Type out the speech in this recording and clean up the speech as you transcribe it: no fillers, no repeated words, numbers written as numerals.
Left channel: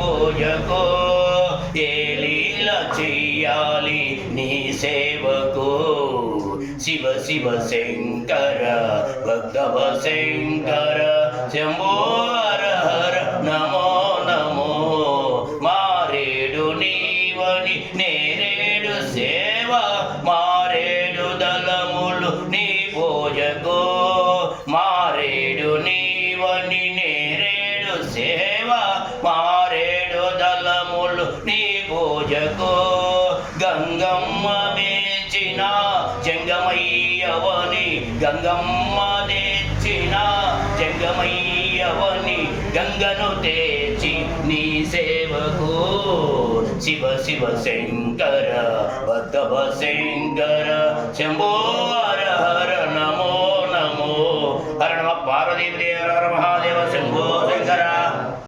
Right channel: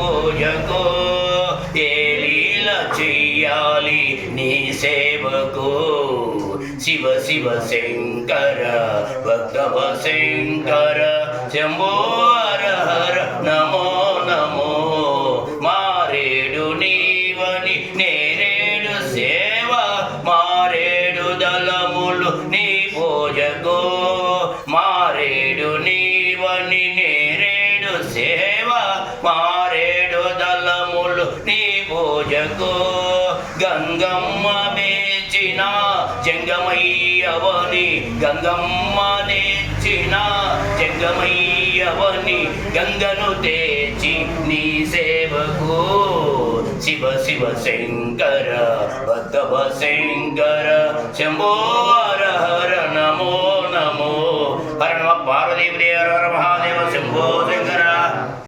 పూజకు ఏ లీల చెయ్యాలి నీ సేవకు శివ శివ శంకర భక్తవ శంకర శంభో హర హర నమో నమో మారేడు నీవని నేరేడు సేవ మారేడు దళములు నీ పూజకు మారేడు నీవని నేరేడు సేవ మారేడు దళములు నీ పూజకు గంగమ్మ మేచిన జంగమయ్యవని గంగమ్మ నేర్చిన జంగమయ్యవని గంగను తెచ్చి నీ సేవకు శివ శివ శంకర భక్తవ శంకర శంభో హర హర నమో నమో హర నమ పార్వతీ హర మహాదేవ శంభో శంకర